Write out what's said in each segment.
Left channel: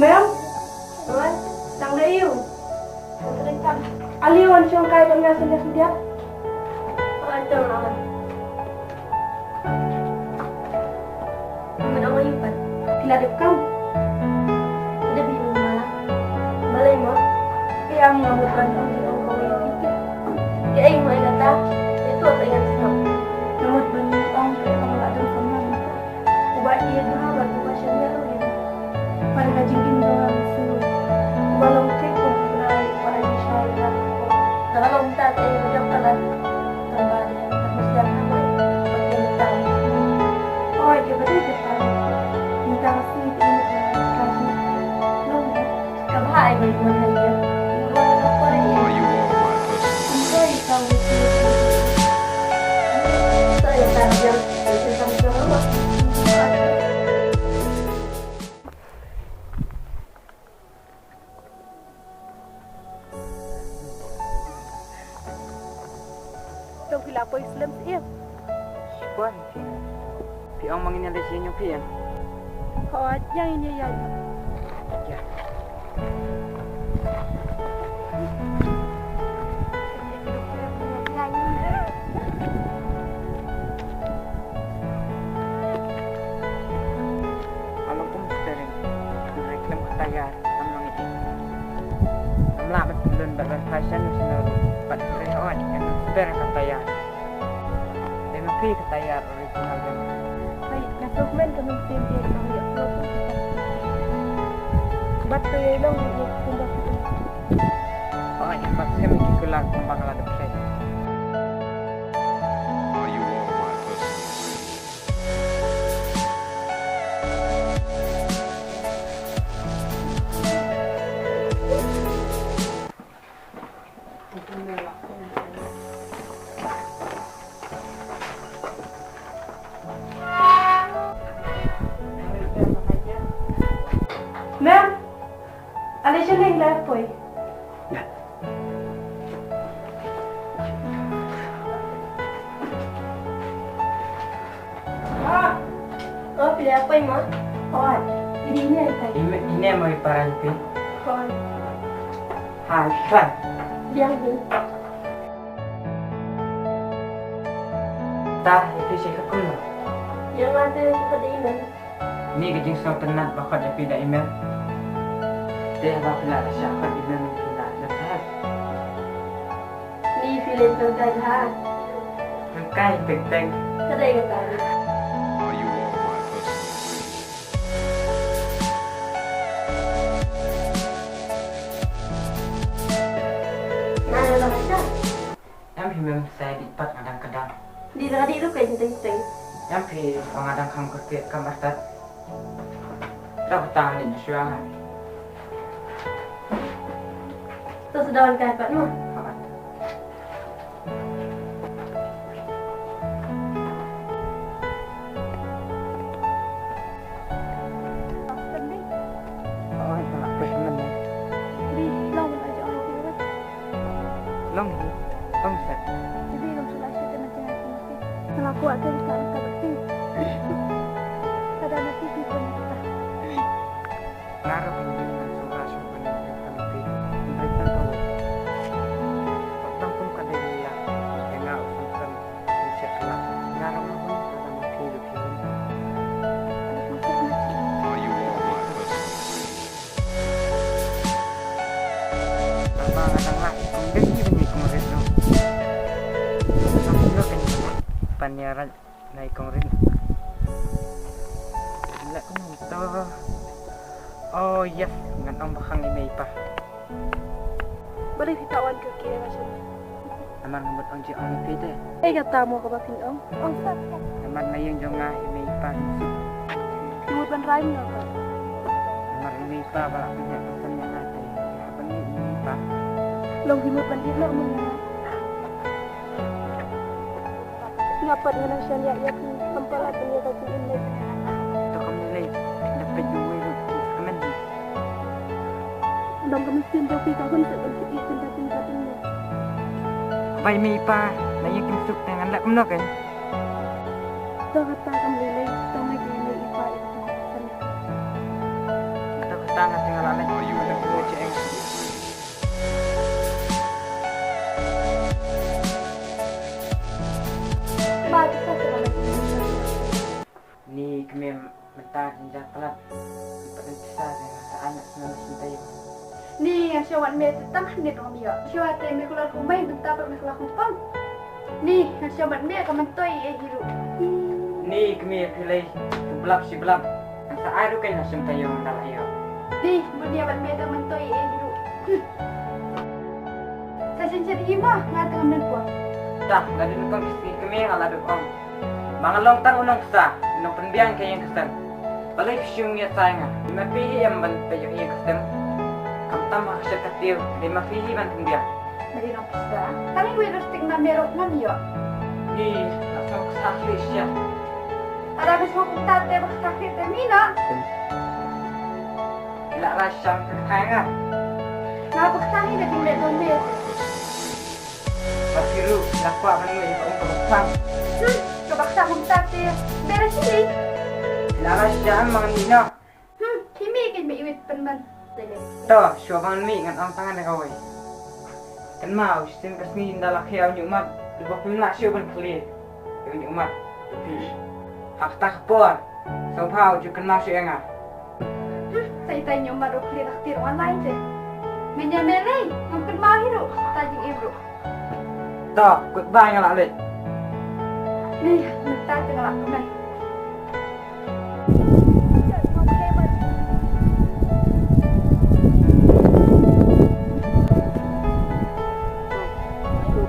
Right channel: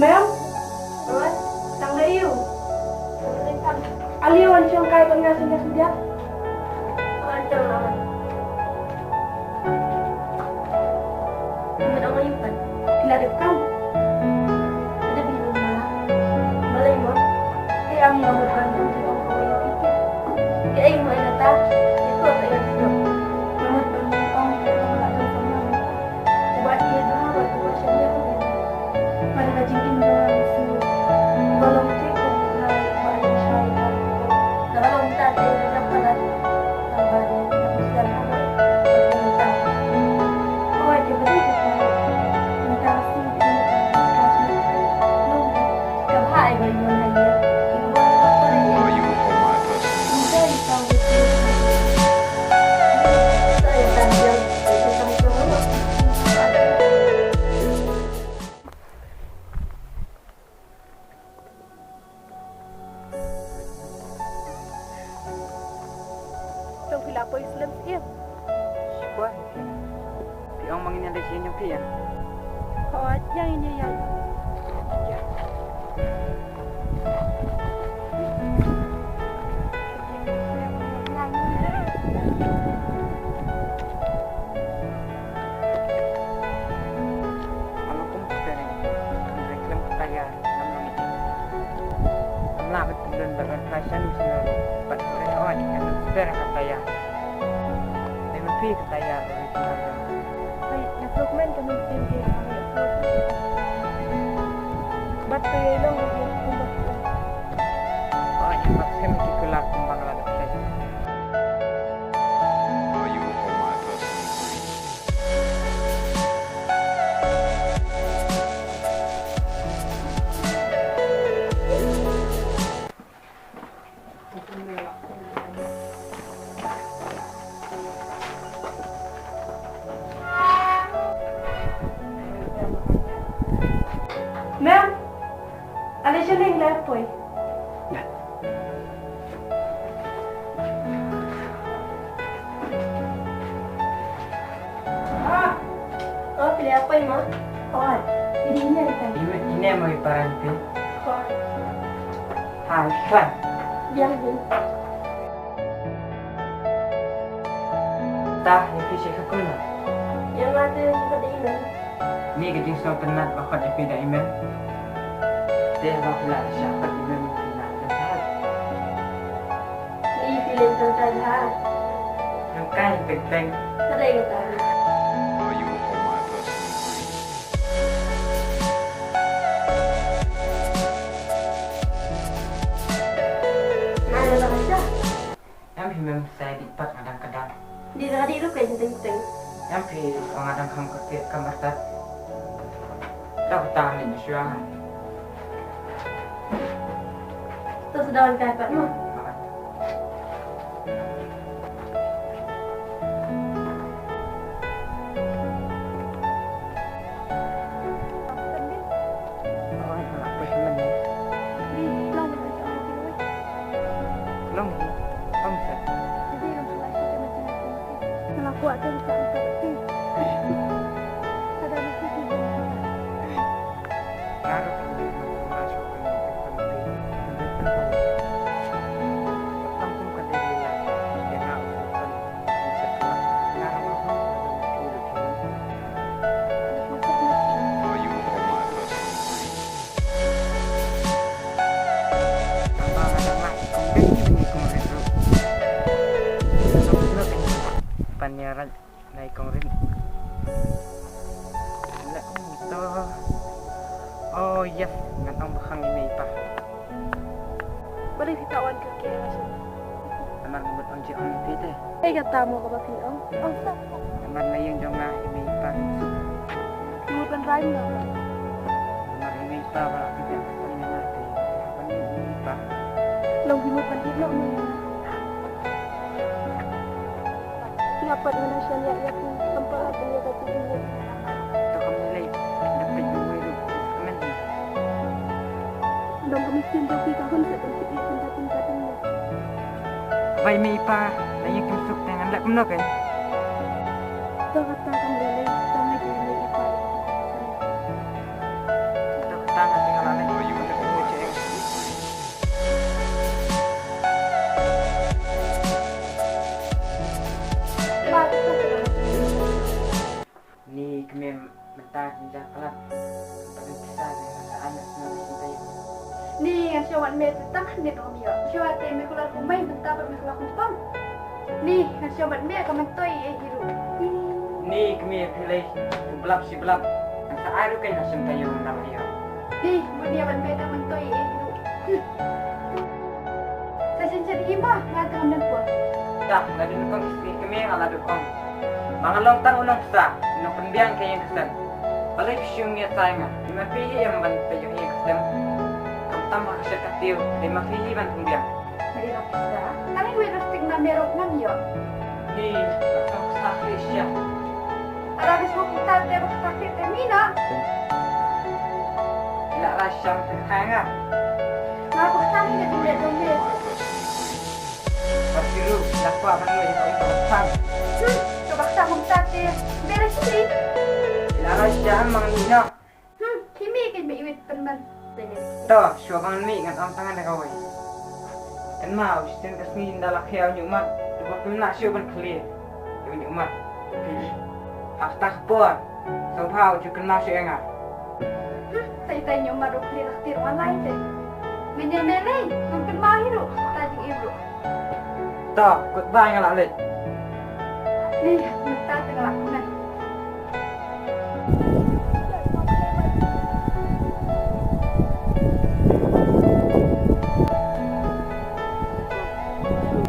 Ma'am, What? sang layo. Sandali. Aliwan siyang kaya nga sinas dia. Ito naman. Ang ayupan. Tiladip kam. Ada bingung malah. Balay mo? Kaya ang ngamot kan ang di ang gawin kita. Kaya ay mo ay nata. Ito at ay nasinop. Ngamot ba ni ang kaya pangaladan sa namin ta. Uba iya berhabat uba siya niya yan. Pada kajingin orang su. Balong te kung kunay ba ay siya yan po. Nakalungtat ay lubyang talan. Tambah din. Tapos yan ako eh. Pag pinatang. Oh, ay kaya kita tayo. Minta kasi tinunod mo ng kasmet. Long na. Kabahay ba yung mga hayag? Inggo na lang pa rin Are eh. you all my personal Kung friends? tayo ikaw with you. Saya tanggap yang tentang drama. Trong khi là po Islam siya. Sikuan, Pina. Piang manginalay siya yung Pia. Oh, yang ini yan. Ya. Alam ko mustering. Reklam katayar. Namlang iti. Namlamat tulun barban pasyan yung sinaro. Panrehawan. Anong spera katayar. Dahil mapi katayar original yung. Ay, na-fragment kami sente bahaya flow pun kita. Bat to yay long yung kumbak yun. Oh, yung bak semikikular kumbang alada play. Are you all my personal dreams? Ma'am, alis siya na yung left po eh. Ya. Oh, pilih apa ya, Ma? Kawan, ini niya ikay. Ini mo iparan pi. Kawan, Ha, klan. Biang din. Ta, ya fisik ka kulo. Yang ada suka diinan. Ni gajing sa penat bakit ya pida email. Dia bakla siya kat email pila dan sahat. Ni film tentang ha. Yung kay peng-peng. Kadai kata. Are you all my personal dreams? Mana lah aja. Yang himem saya dipat kadang-kadang. Di tadi itu kayak teng-teng. Yang pi pengadang kam kerja kamar tat. Tak tahan ni syua. Terus dawan kapat mah. Hakat. Aslan din. Oh, malak pa siya man eh. Di, long man aja ay pila way. Long hi. Pamsat. Jadi kam sulah siya din macam ay mesti. Kalau aku ada besar ang kabat si. Ada mesti si bunya kata. Ngaro kan din ng sura siya kan ng pampi. Tundritan ka wo. Patang kum ka dalila. Kaya nga usunsan pakinset la. Ngaro nga hun na mapilo-pilon. Ada mesti macam. Are you all my personal dreams? Bang adang lah kung bengi bengi kung rindu. Sampai kan panyaran na ikong rin. Wala ko nang ito. Oh yes, ngan ang bakang imay pa. Balik sitawan ke kaya macam ni. Naman ngamot ang jiyong ang pite. Ay kata mo ka ba pinong? Ang sa. Naman na yung jiyong nga imay pa rin sup. Timur ban rhyme na ba? Naman imay pa, wala ko niya patan niya nga tayo. Kapan niya imay pa. Long himut ban ikno mo nga. Ngapat nga na siya niya yak ni kampalat niya ka jing imlay. Ito kami nilay, dapat yung wero sa kaman ni. Long kami sin joki ka hun sa ban si iya tinta-tinta niya. Abay imay pa, na yung kimsuk na nga nalak kumno kan. Ito kata kam lilay, ito nga kaya may ipa ito sa sana. Ito kata tanga tinggal alai. Are you Pada all kuih my cek. personal dreams? Bagus lah sekarang itu. Ni kami mentah jenjang kelat. Empat dan besar yang rasa anak senang cinta yuk. Ni yang siawat me tetang ni tu kami ya. Siawat me kular kumai mentah me kular kumpang. Ni yang siawat me kamantoi hiru. Ni kami pilih sebelah sebelah. Rasa air kan nak cinta yuk dalam yuk. Ni bunia bat me kamantoi hiru. Saya cari imah ngat ngam dan puan. Dah, dah dulu kong kisah kami yang ala duk ong. Mangalong tang unong besar, unong pendiang kaya yang kesan. Balik siung ya sayang ah. Lima pihi yang ban peyo yang kesan. Kam tamah kesel katil, lima pihi ban pendiang. Mari nak pisah. Kami we rustik na merok ngam ya. Ni, langsung kesahli siya. Arabis mo kung tate bakakit mina. Ila rasyang kekayang ah. Napaksahin na din na Are you all dumis. my personal dreams? Basiru, nakwa man mo yung pang. Kabaksa kong tate. Beres sili. Ila rasyang mga nino. Himigin may iwit panman. To, siya bang mi ngan ang tangan na kaway. Kan mau, sin kas ni ndala kaya nyo mat. Lupa pimna siya ban clear. Yung nyo mat. Hafta kapor. So pao, jukan mau siya nga. Say nyo marok lirak tirong alay te. Ganyan melay. Mungkin mahiru. Tajing ibro. To, goodbye nga lalit. Ni, magtate nga ako man.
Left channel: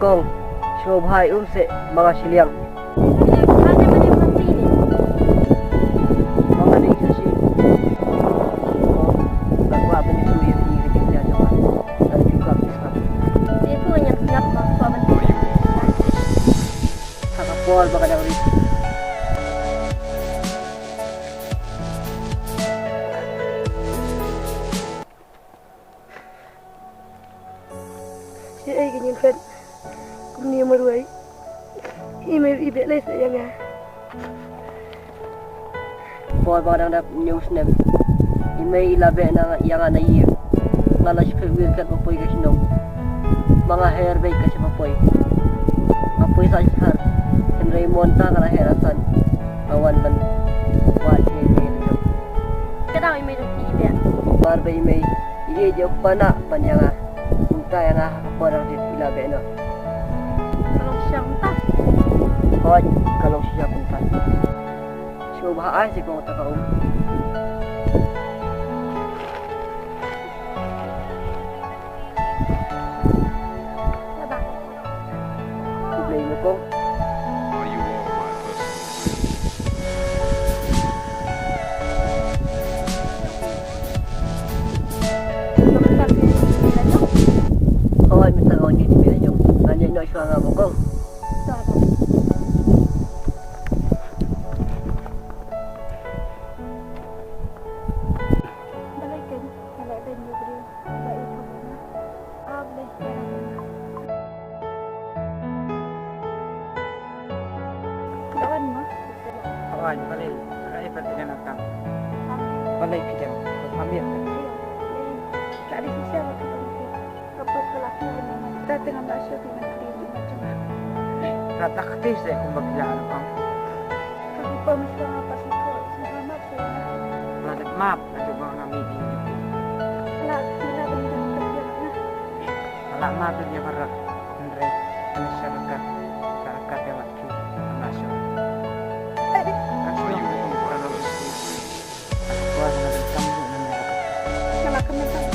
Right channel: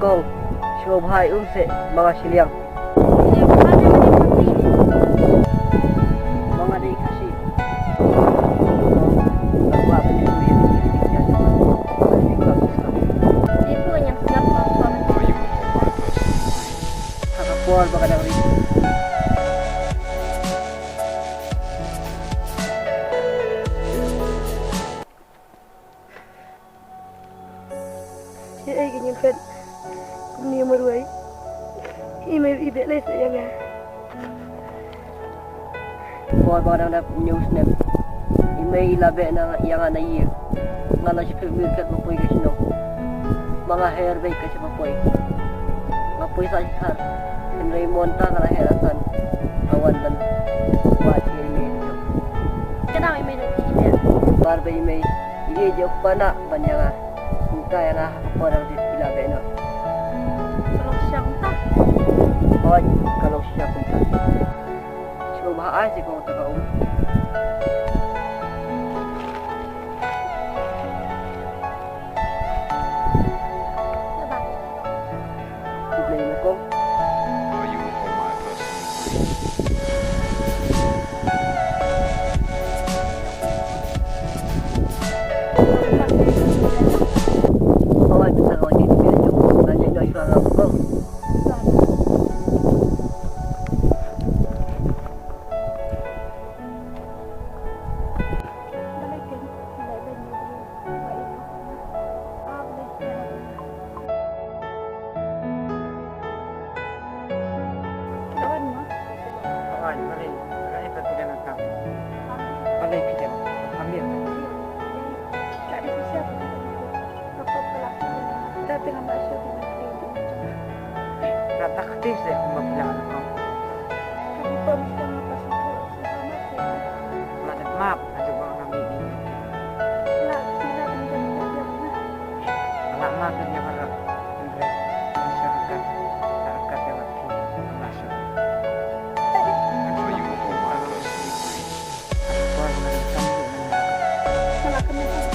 Kong, shobhai se mga siliang. Mga day kasi. Kong, nagwa pa ni Suya di hadik niya naman. Ano di ko abisap. Dia tu yang siap masuk Are you all my personal dreams? Kakapol baka nang rin. Si ay ganyan pen. Kung niya maruay. Email ibig lay sa yang Pol baka nang news nem. Imay ilabe na yang na year. Ngala si Pagwil kat mapoy kasi nung. Mga hairbay kasi mapoy. Mapoy sa har. Henry Monta ngala herasan. Awan man. Wat ya email jo. Kenapa email yung ibig? Barbay may iijo ko pa na banyanga. Kumta yang kakapol dit ilabe no. Kalau siya entah. Hoy, kalau siya kumta. Siya bahaan si kong takaum. Sebab. Kublay mo kong. Are you all my personal dreams? Hoy, bintang ako dito medyo. Kanya ino siya nga mo kong. Balikin. Malay ba niyo bro? Baik ako na. Balay. Yarap na. Kilawan mo? Kawan, balay. Agak ipat tidak nakap. Sampai. Balay pidam. Paghamir na. Iya. Jadi, tak ada sisa apa tidak mungkin. Kapag kalaki ako naman. Dati nga masyo, di man clean. Macam Rata aktif saya kung bagila ano ang. kaki pa masya nga pasito. Sama ko na. Ladat map. Lado ba ang amin niyo? Wala, sila benda kerja mana? Wala map na niya para. Andre, ano siya rakat. Sa rakat yung matpi. Ang nasyo. Ang Are you sila all ko my kung personal dreams? At po, mga dan kami na niya rakat. Wala kami tayo.